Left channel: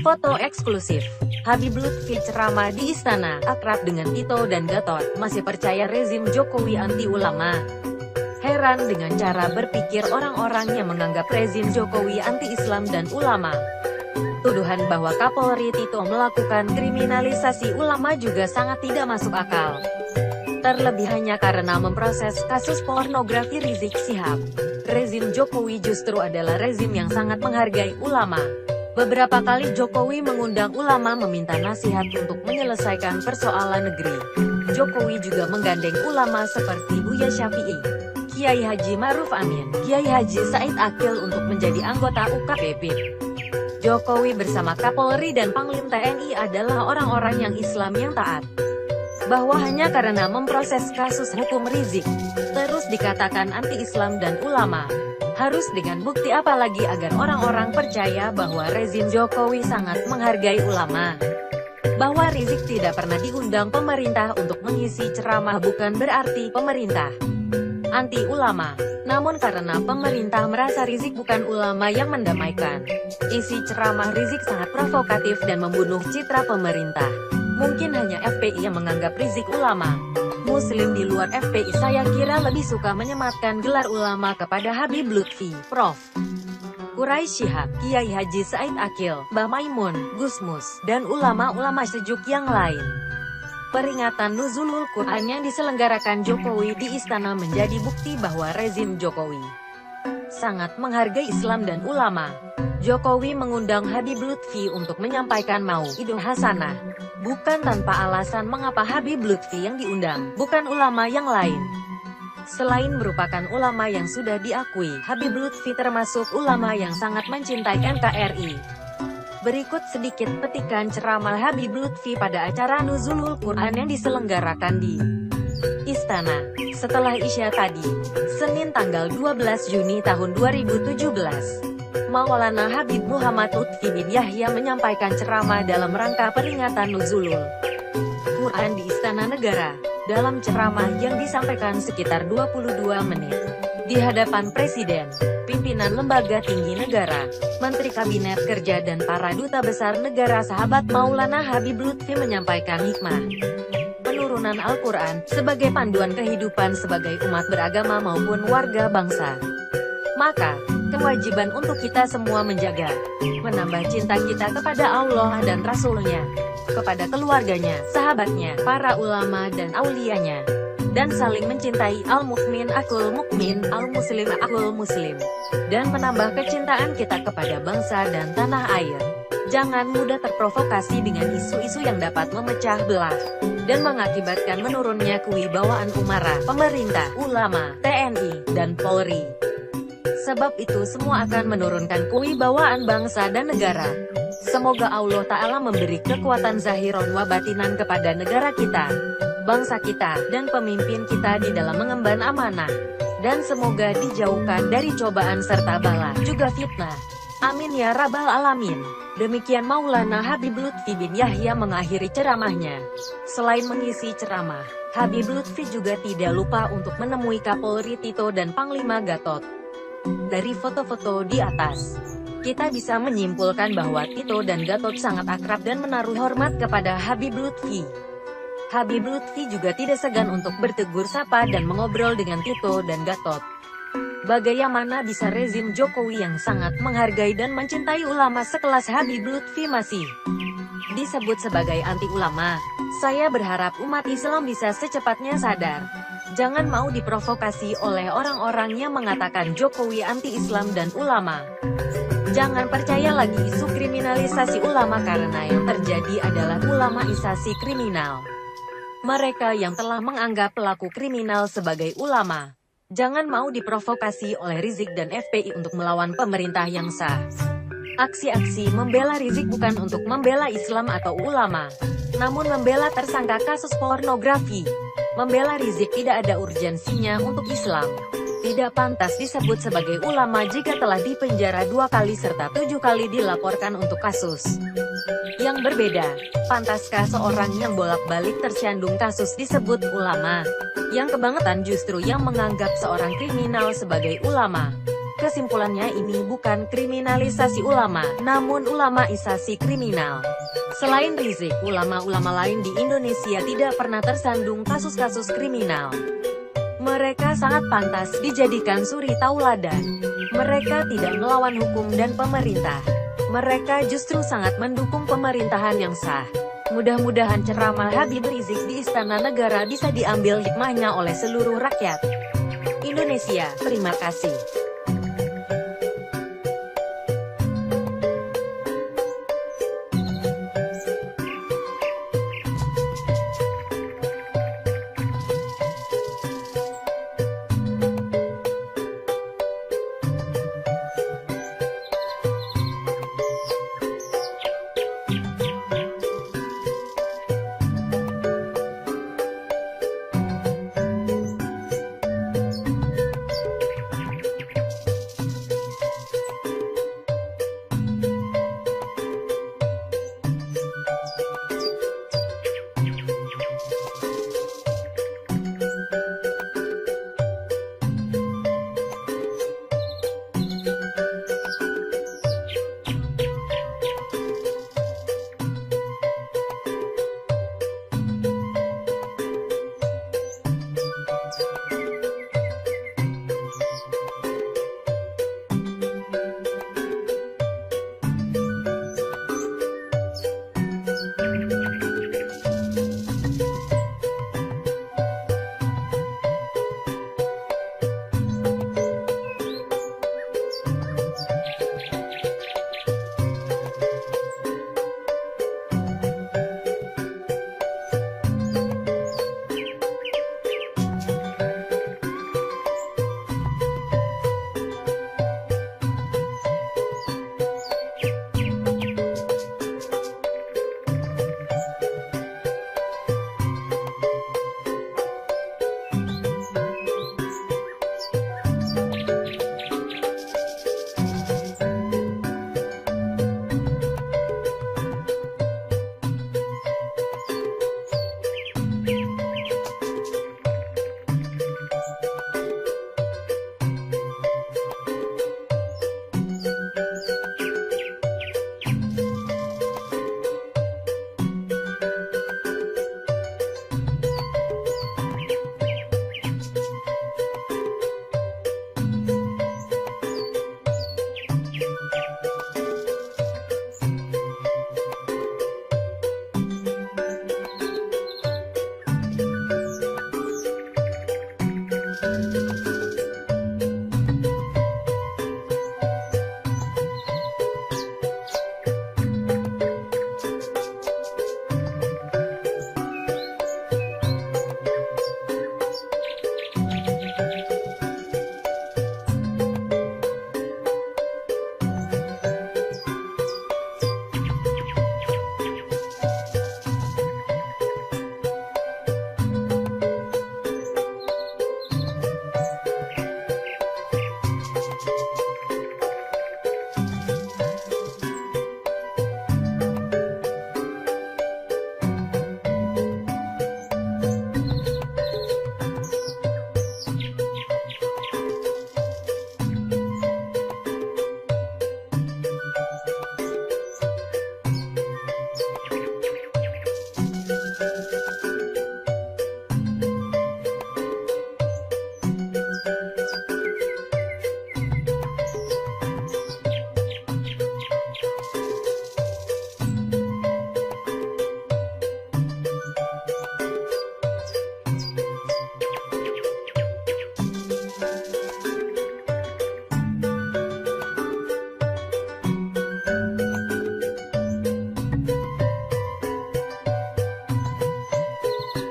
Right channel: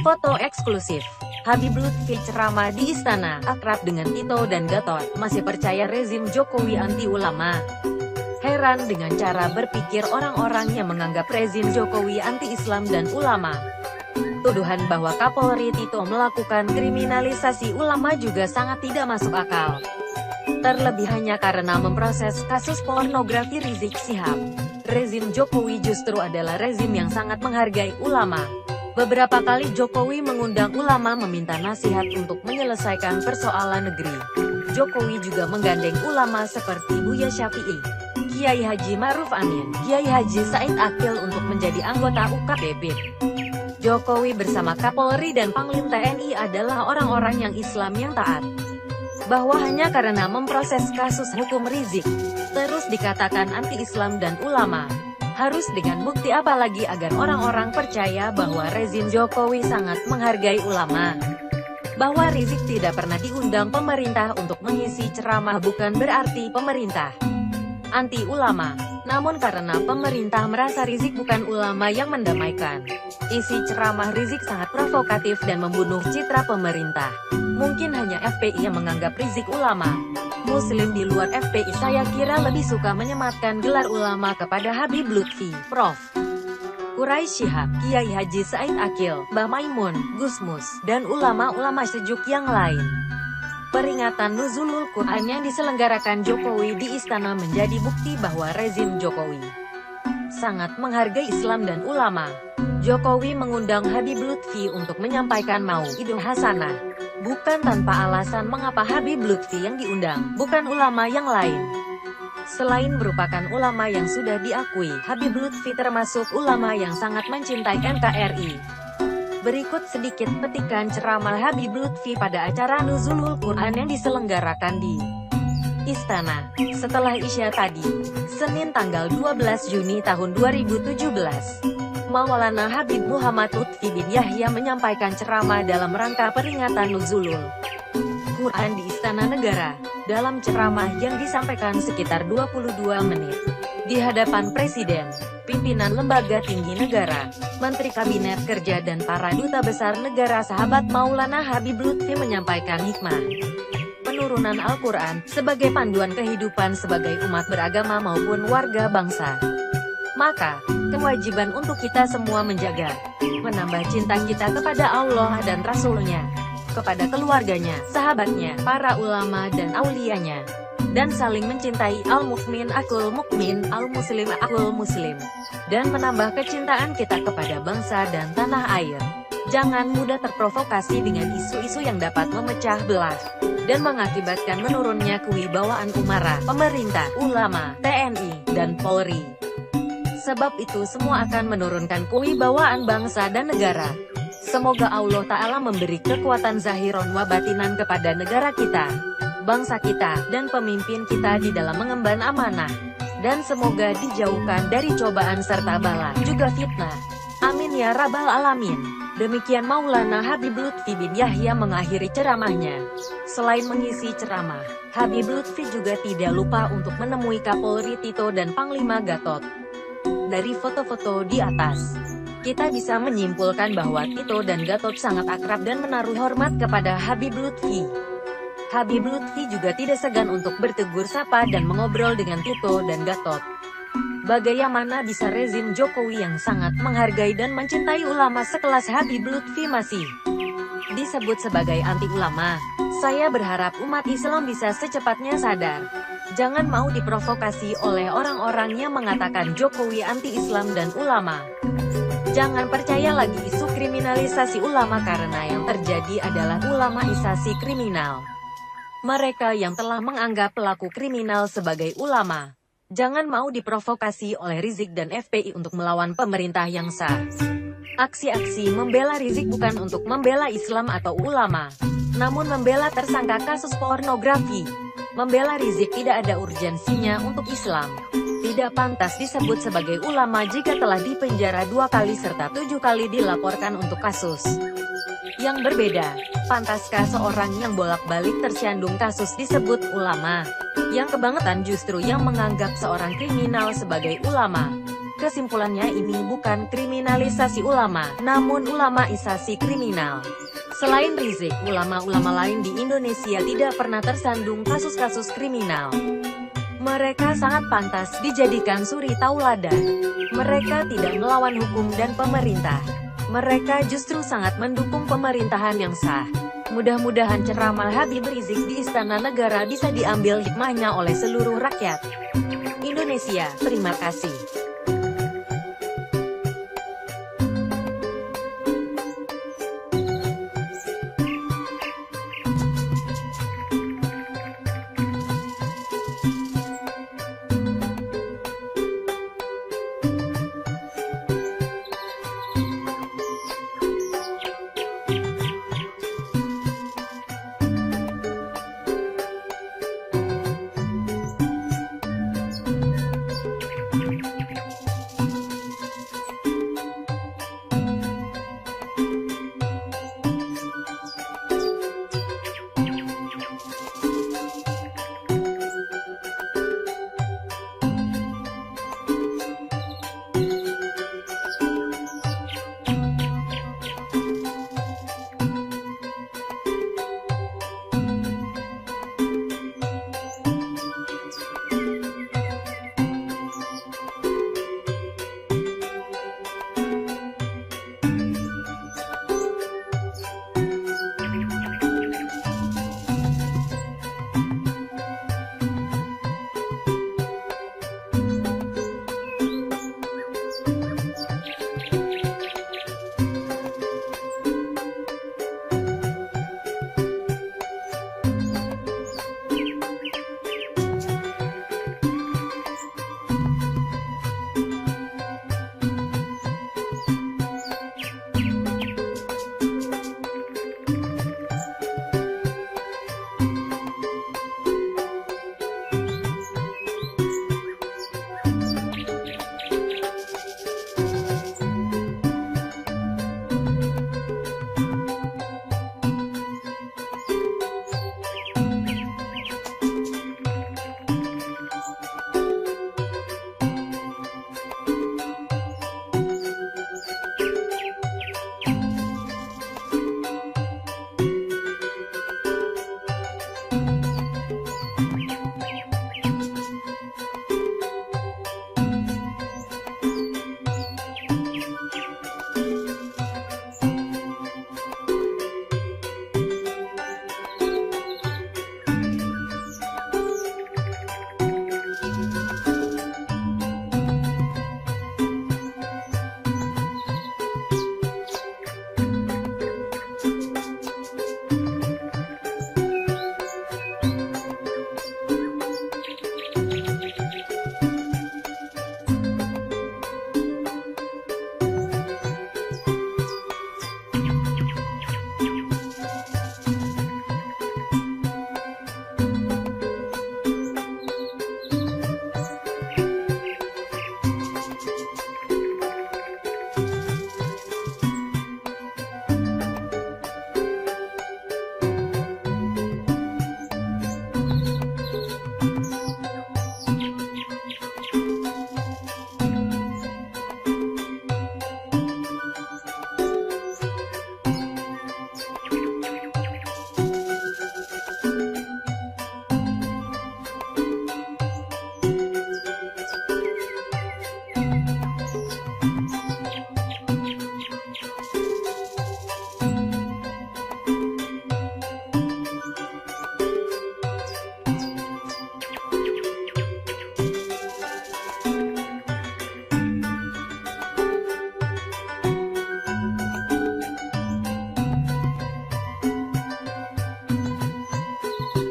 Foto eksklusif. Habib Lutfi ceramah di istana, akrab dengan Tito dan Gatot, masih percaya rezim Jokowi anti ulama. Heran dengan cara berpikir orang-orang yang menganggap rezim Jokowi anti-Islam dan ulama. Tuduhan bahwa Kapolri Tito melakukan kriminalisasi ulama juga sangat tidak masuk akal. Terlebih hanya karena memproses kasus pornografi Rizik Syihab. Rezim Jokowi justru adalah rezim yang sangat menghargai ulama. Beberapa kali Jokowi mengundang ulama meminta nasihat untuk menyelesaikan persoalan negeri. Jokowi juga menggandeng ulama seperti Buya Syafi'i, Kiai Haji Ma'ruf Amin, Kiai Haji Said Akil untuk menjadi anggota UKPP. Jokowi bersama Kapolri dan Panglima TNI adalah orang-orang yang Islam yang taat. Bahwa hanya karena memproses kasus hukum Rizik, terus dikatakan anti-Islam dan ulama. Harus dengan bukti apa lagi agar orang-orang percaya bahwa rezim Jokowi sangat menghargai ulama. Bahwa Rizik tidak pernah diundang pemerintah untuk mengisi ceramah bukan berarti pemerintah anti ulama. Namun karena pemerintah merasa Rizik bukan ulama yang mendamaikan, isi ceramah Rizik sangat provokatif dan membunuh citra pemerintah. Mungkin hanya FPI yang menganggap Rizik ulama. Muslim di luar FPI saya kira lebih suka menyematkan gelar ulama kepada Habib Lutfi, Prof. Quraisy Shihab, Kiai Haji Said Akil, Mbah Maimun, Gusmus, dan ulama-ulama sejuk yang lain. Peringatan Nuzulul Quran yang diselenggarakan Jokowi di istana menjadi bukti bahwa rezim Jokowi sangat menghargai Islam dan ulama. Jokowi mengundang Habib Lutfi untuk menyampaikan mau'idhah hasanah. Bukan tanpa alasan mengapa Habib Lutfi yang diundang, bukan ulama yang lain. Selain merupakan ulama yang sudah diakui, Habib Lutfi termasuk ulama yang sangat mencintai NKRI. Berikut sedikit petikan ceramah Habib Lutfi pada acara Nuzulul Quran yang diselenggarakan di Istana, setelah Isya tadi, Senin tanggal 12 Juni tahun 2017. Maulana Habib Muhammad Lutfi bin Yahya menyampaikan ceramah dalam rangka peringatan Nuzulul Quran di Istana Negara. Dalam ceramah yang disampaikan sekitar 22 menit, di hadapan Presiden, pimpinan lembaga tinggi negara, Menteri Kabinet Kerja dan para duta besar negara sahabat Maulana Habib Lutfi menyampaikan hikmah penurunan Al-Quran sebagai panduan kehidupan sebagai umat beragama maupun warga bangsa. Maka, kewajiban untuk kita semua menjaga, menambah cinta kita kepada Allah dan Rasul-Nya, kepada keluarganya, sahabatnya, para ulama dan aulianya, dan saling mencintai al-mukmin akul mukmin, al-muslim akul muslim, dan menambah kecintaan kita kepada bangsa dan tanah air. Jangan mudah terprovokasi dengan isu-isu yang dapat memecah belah dan mengakibatkan menurunnya kewibawaan umara, pemerintah, ulama, TNI, dan Polri. Sebab itu semua akan menurunkan kewibawaan bangsa dan negara. Semoga Allah Ta'ala memberi kekuatan zahiron wa batinan kepada negara kita, bangsa kita, dan pemimpin kita di dalam mengemban amanah. Dan semoga dijauhkan dari cobaan serta bala, juga fitnah. Amin ya Rabbal Alamin. Demikian Maulana Habib Lutfi bin Yahya mengakhiri ceramahnya. Selain mengisi ceramah, Habib Lutfi juga tidak lupa untuk menemui Kapolri Tito dan Panglima Gatot. Dari foto-foto di atas, kita bisa menyimpulkan bahwa Tito dan Gatot sangat akrab dan menaruh hormat kepada Habib Lutfi. Habib Lutfi juga tidak segan untuk bertegur sapa dan mengobrol dengan Tito dan Gatot. Bagaimana bisa rezim Jokowi yang sangat menghargai dan mencintai ulama sekelas Habib Lutfi masih disebut sebagai anti ulama? Saya berharap umat Islam bisa secepatnya sadar. Jangan mau diprovokasi oleh orang-orang yang mengatakan Jokowi anti-Islam dan ulama. Jangan percaya lagi isu kriminalisasi ulama karena yang terjadi adalah ulamaisasi kriminal. Mereka yang telah menganggap pelaku kriminal sebagai ulama. Jangan mau diprovokasi oleh Rizik dan FPI untuk melawan pemerintah yang sah. Aksi-aksi membela Rizik bukan untuk membela Islam atau ulama, namun membela tersangka kasus pornografi. Membela Rizik tidak ada urgensinya untuk Islam. Tidak pantas disebut sebagai ulama jika telah dipenjara 2 kali serta 7 kali dilaporkan untuk kasus yang berbeda. Pantaskah seorang yang bolak-balik tersandung kasus disebut ulama? Yang kebangetan justru yang menganggap seorang kriminal sebagai ulama. Kesimpulannya, ini bukan kriminalisasi ulama, namun ulamaisasi kriminal. Selain Rizik, ulama-ulama lain di Indonesia tidak pernah tersandung kasus-kasus kriminal. Mereka sangat pantas dijadikan suri tauladan. Mereka tidak melawan hukum dan pemerintah. Mereka justru sangat mendukung pemerintahan yang sah. Mudah-mudahan ceramah Habib Rizik di Istana Negara bisa diambil hikmahnya oleh seluruh rakyat Indonesia. Terima kasih.